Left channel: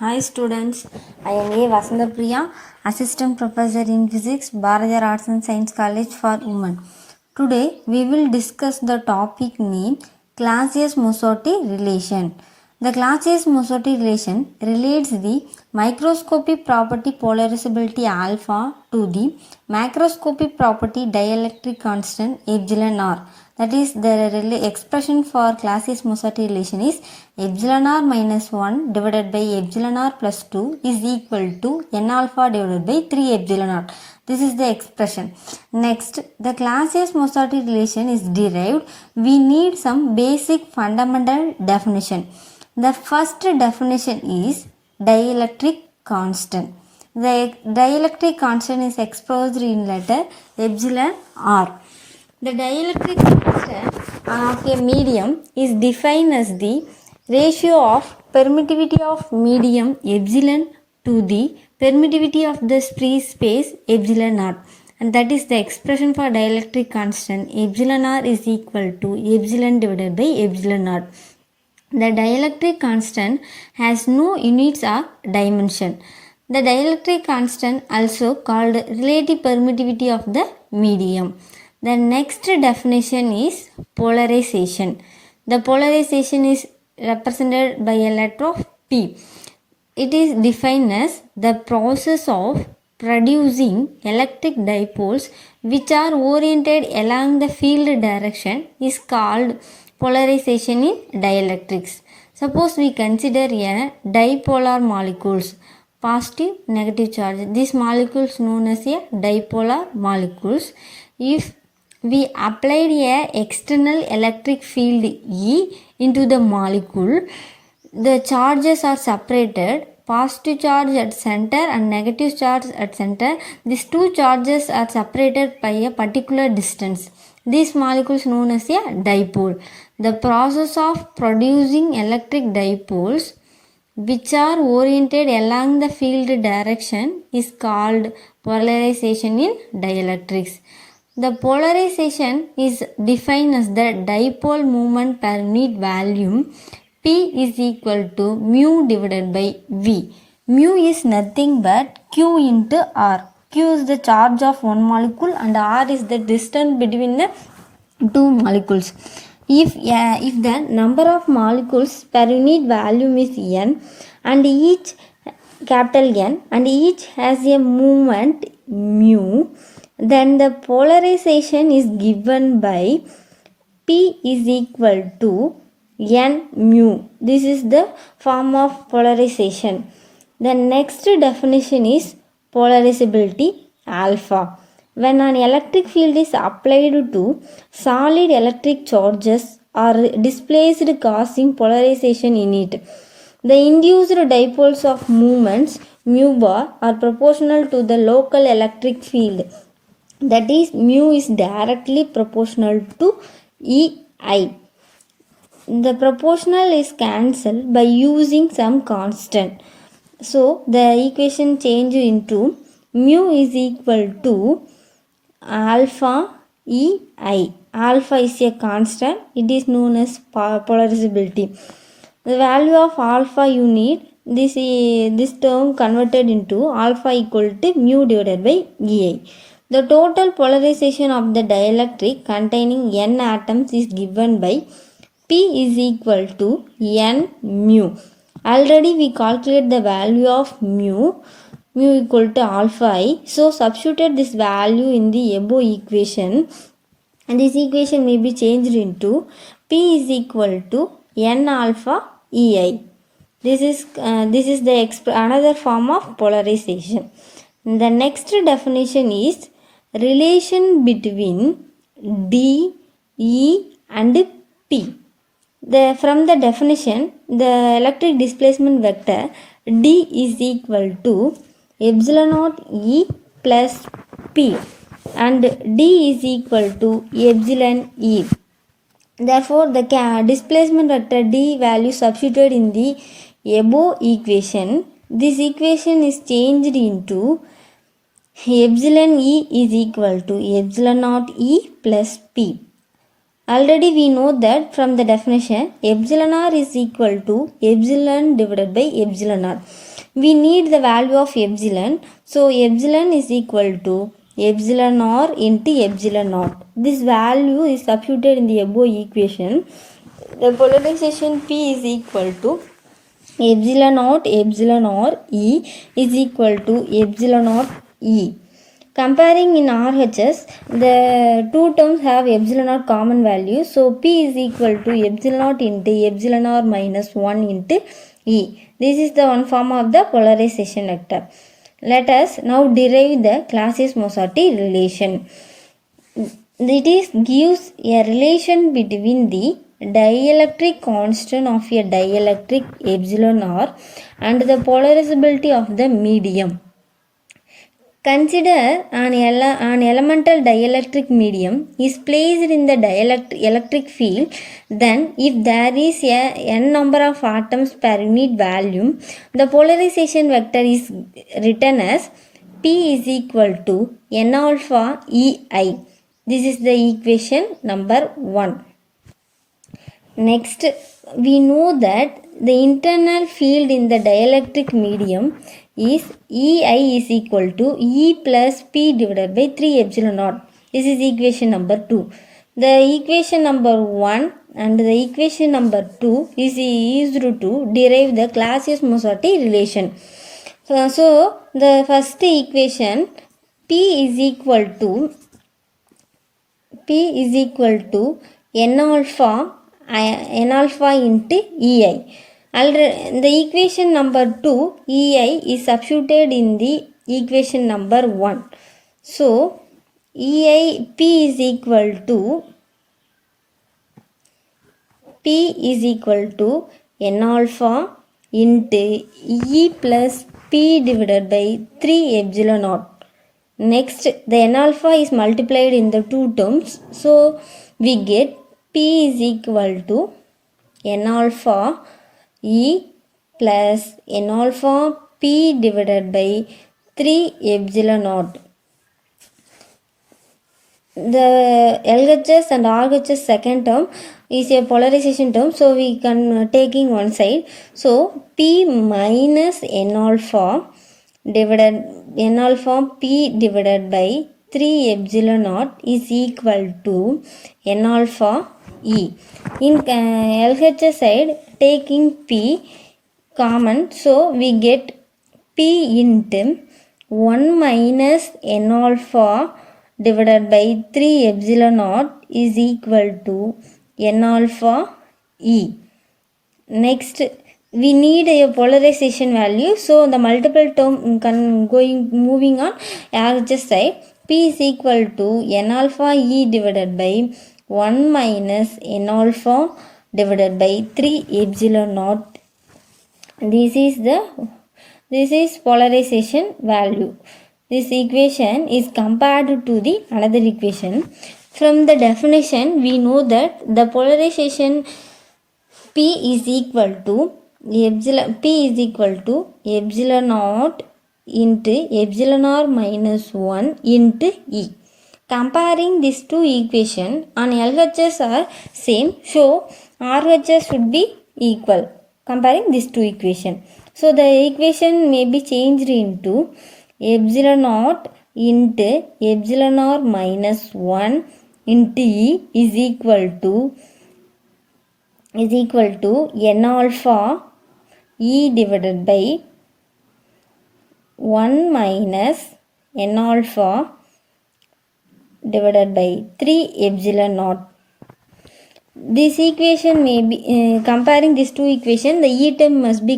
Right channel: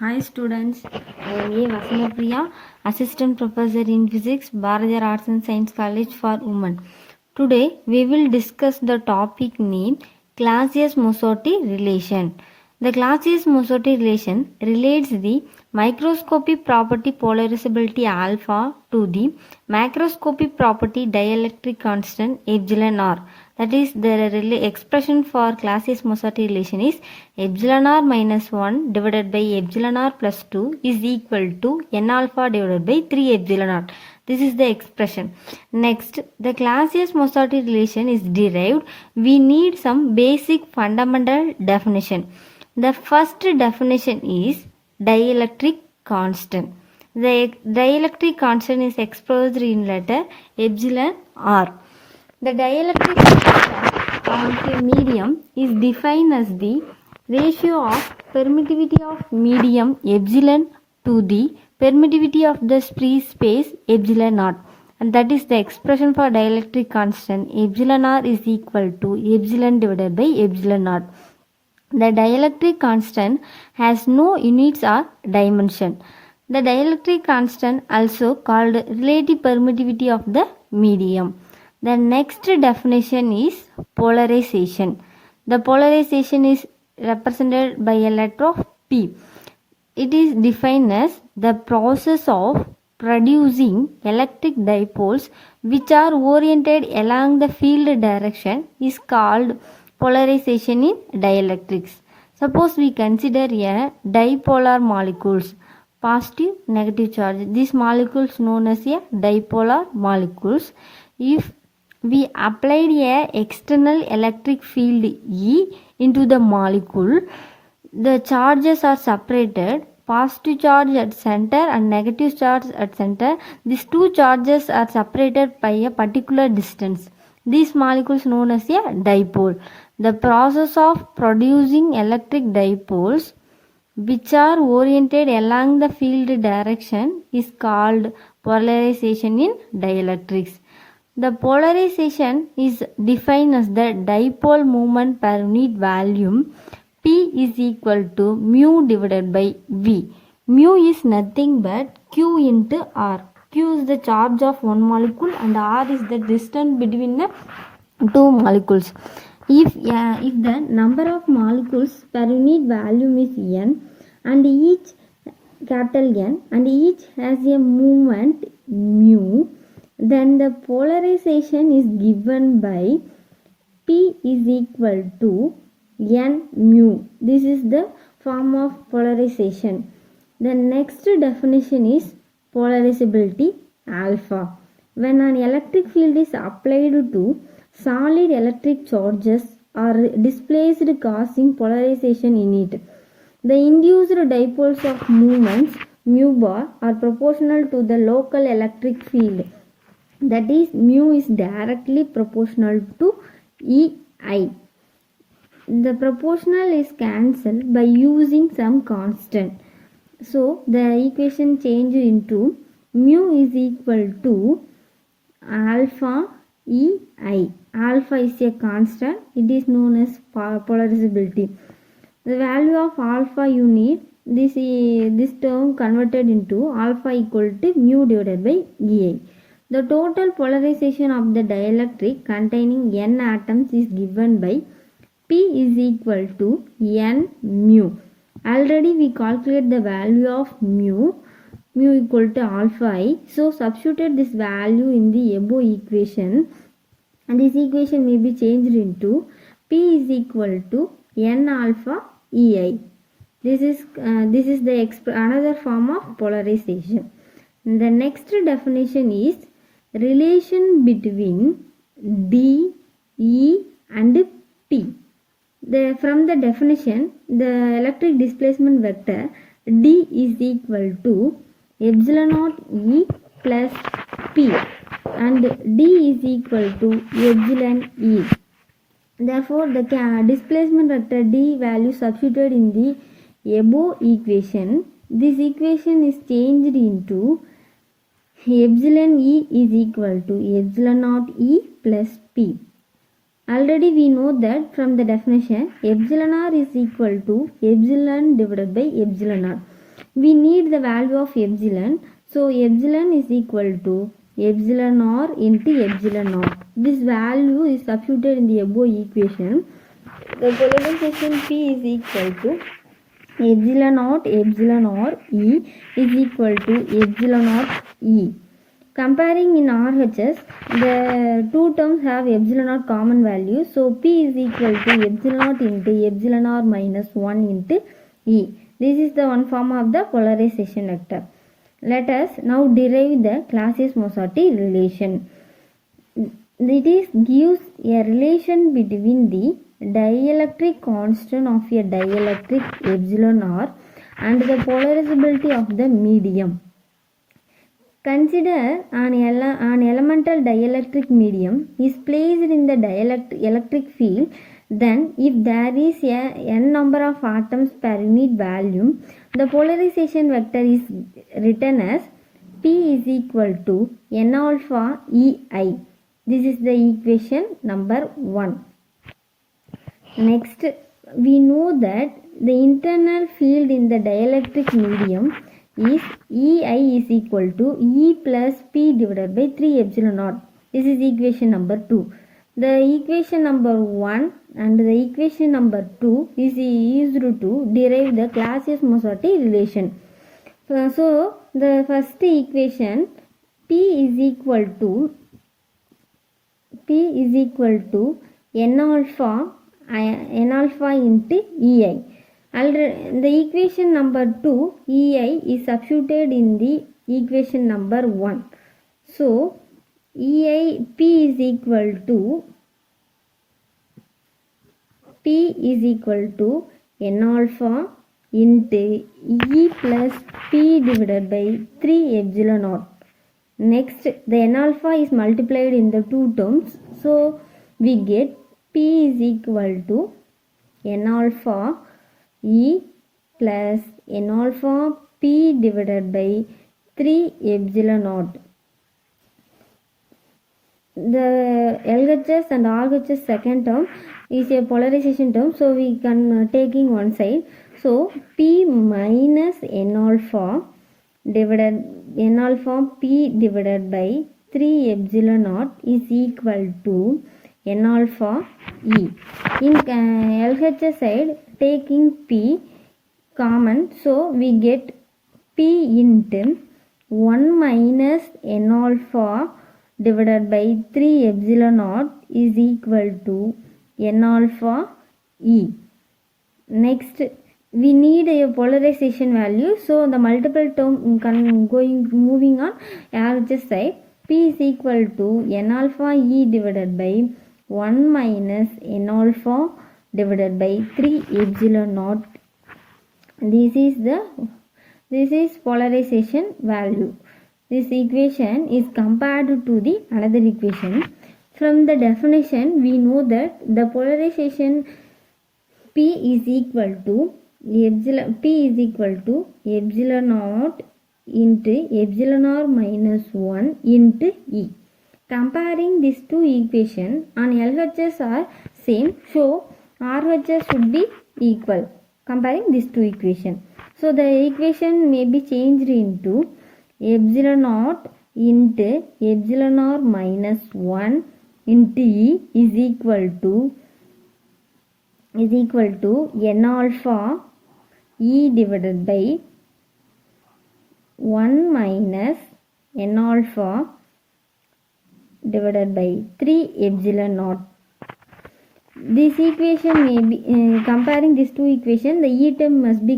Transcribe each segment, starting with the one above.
Hi students, I am A. Vasandapriya, Assistant Professor in Physics, Bharadiyar Arts and Science College for Women. Today we will discuss the topic named Clausius-Mosotty relation. The Clausius-Mosotty relation relates the microscopic property polarizability alpha to the macroscopic property dielectric constant epsilon r. That is, the expression for Clausius-Mosotty relation is epsilon r minus 1 divided by epsilon r plus 2 is equal to n alpha divided by 3 epsilon r. This is the expression. Next, the Clausius-Mosotty relation is derived. We need some basic fundamental definition. The first definition is dielectric constant. The dielectric constant is expressed in letter epsilon r. The dielectric constant of a medium is defined as the ratio of permittivity of medium epsilon to the permittivity of the free space epsilon naught, and that is the expression for dielectric constant epsilon r is equal to epsilon divided by epsilon naught. The dielectric constant has no units or dimension. The dielectric constant also called relative permittivity of the medium. The next definition is polarization. The polarization is represented by a letter of P. It is defined as the process of producing electric dipoles which are oriented along the field direction is called polarization in dielectrics. Suppose we consider a dipolar molecules, positive, negative charge. These molecules known as a dipolar molecules. If we applied a external electric field E into the molecule, the charges are separated, positive charge at center and negative charge at center. These two charges are separated by a particular distance. These molecules known as a dipole. The process of producing electric dipoles which are oriented along the field direction is called polarization in dielectrics. The polarization is defined as the dipole moment per unit volume. P is equal to mu divided by V. Mu is nothing but Q into R. Q is the charge of one molecule and R is the distance between the two molecules. If the number of molecules per unit volume is n and each capital N and each has a moment mu, then the polarization is given by P is equal to N mu. This is the form of polarization. The next definition is polarizability alpha. When an electric field is applied to solid electric charges are displaced causing polarization in it, the induced dipoles of movements mu bar are proportional to the local electric field. That is, mu is directly proportional to EI. The proportional is cancelled by using some constant. So the equation change into mu is equal to alpha EI. Alpha is a constant. It is known as polarizability. The value of alpha you need this term converted into alpha equal to mu divided by EI. The total polarization of the dielectric containing n atoms is given by P is equal to n mu. Already we calculate the value of mu equal to alpha I. So substitute this value in the above equation, and this equation may be changed into P is equal to n alpha EI. This is another form of polarization. The next definition is relation between D, E and P. From the definition, the electric displacement vector D is equal to epsilon naught E plus P and D is equal to epsilon E. Therefore, the displacement vector D value substituted in the above equation. This equation is changed into epsilon E is equal to epsilon naught E plus P. Already we know that from the definition epsilon r is equal to epsilon divided by epsilon r. we need the value of epsilon. So epsilon is equal to epsilon r into epsilon naught. This value is substituted in the above equation. The polarization P is equal to epsilon naught epsilon r E is equal to epsilon naught E. Comparing in RHS, the two terms have epsilon naught common value. So P is equal to epsilon naught into epsilon r minus 1 into E. This is the one form of the polarization vector. Let us now derive the Clausius-Mosotty relation. It gives a relation between the dielectric constant of a dielectric epsilon r and the polarizability of the medium. Consider an elemental dielectric medium is placed in the electric field. Then if there is a n number of atoms per unit volume, the polarization vector is written as P is equal to n alpha EI. This is the equation number 1. Next, we know that the internal field in the dielectric medium is EI is equal to E plus P divided by 3 epsilon naught. This is equation number 2. The equation number 1 and the equation number 2 is used to derive the Clausius-Mosotty relation. So the first equation P is equal to n alpha into EI. The equation number 2 EI is substituted in the equation number 1. So EI P is equal to n alpha into E plus P divided by 3 epsilon naught. Next, the n alpha is multiplied in the two terms. So we get P is equal to n alpha E plus n alpha P divided by 3 epsilon naught. The LHS and RHS second term is a polarization term, so we can taking one side. So P minus n alpha P divided by 3 epsilon naught is equal to n alpha E. In LHS side, taking P common, so we get P into 1 minus n alpha divided by 3 epsilon naught is equal to n alpha E. Next, we need a polarization value, so the multiple term moving on RHS side, P is equal to n alpha E divided by 1 minus n alpha divided by 3 epsilon naught. This is polarization value. This equation is compared to the another equation. From the definition, we know that the polarization P is equal to epsilon naught into epsilon r minus 1 into E. Comparing these two equations on LHS are same, so RHS should be equal. Comparing these two equations, so the equation may be changed into epsilon naught into epsilon r minus 1 into E is equal to n alpha E divided by 1 minus n alpha divided by 3 epsilon naught. This equation may be comparing these two equations, the E term must be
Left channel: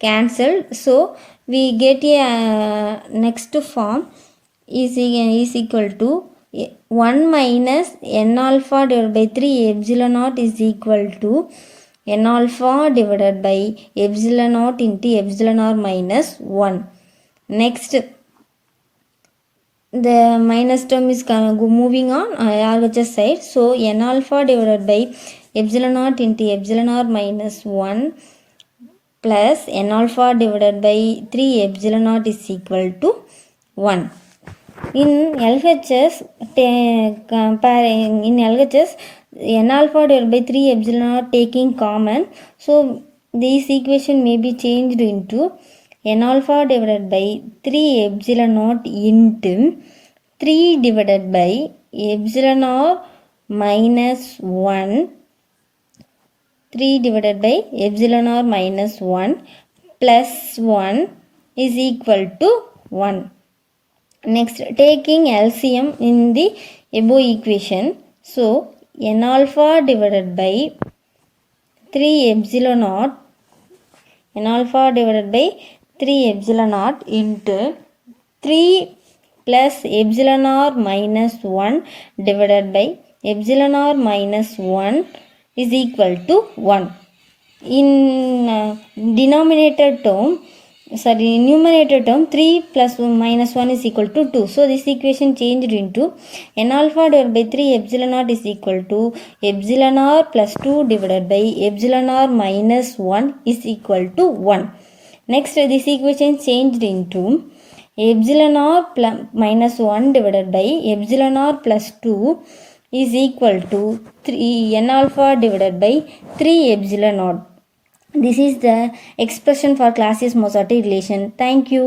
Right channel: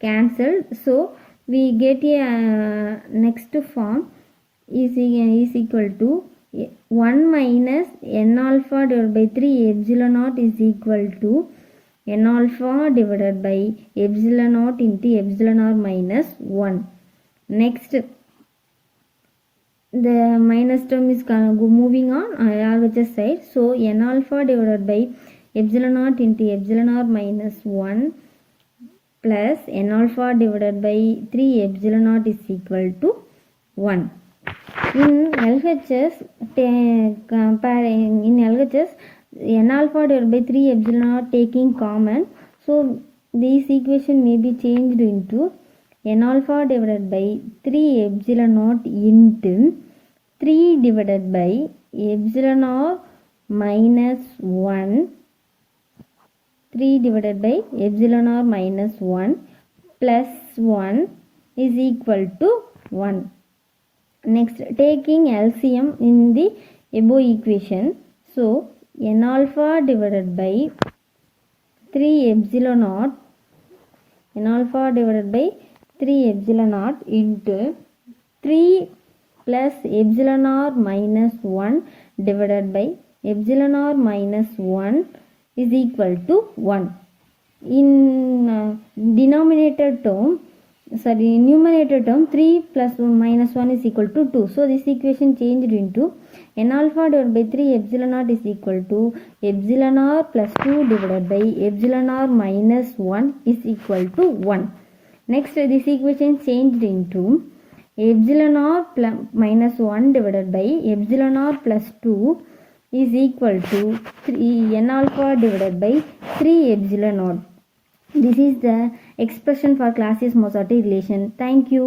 cancelled. So we get a next form is equal to 1 minus n alpha divided by 3 epsilon naught is equal to n alpha divided by epsilon naught into epsilon r minus 1. Next, the minus term is moving on RHS side. So n alpha divided by epsilon naught into epsilon r minus 1 plus n alpha divided by 3 epsilon naught is equal to 1. In LHS, n alpha divided by 3 epsilon naught taking common. So this equation may be changed into n alpha divided by 3 epsilon naught into 3 divided by epsilon r minus 1, 3 divided by epsilon r minus 1 plus 1 is equal to 1. Next, taking LCM in the above equation, so n alpha divided by 3 epsilon naught, n alpha divided by 3 epsilon naught into 3 plus epsilon r minus 1 divided by epsilon r minus 1 is equal to 1. In numerator term 3 plus 1 minus 1 is equal to 2. So this equation changed into n alpha divided by 3 epsilon naught is equal to epsilon r plus 2 divided by epsilon r minus 1 is equal to 1. Next, this equation changed into epsilon r minus 1 divided by epsilon r plus 2 is equal to 3 n alpha divided by 3 epsilon naught. This is the expression for Clausius-Mozarti relation. Thank you.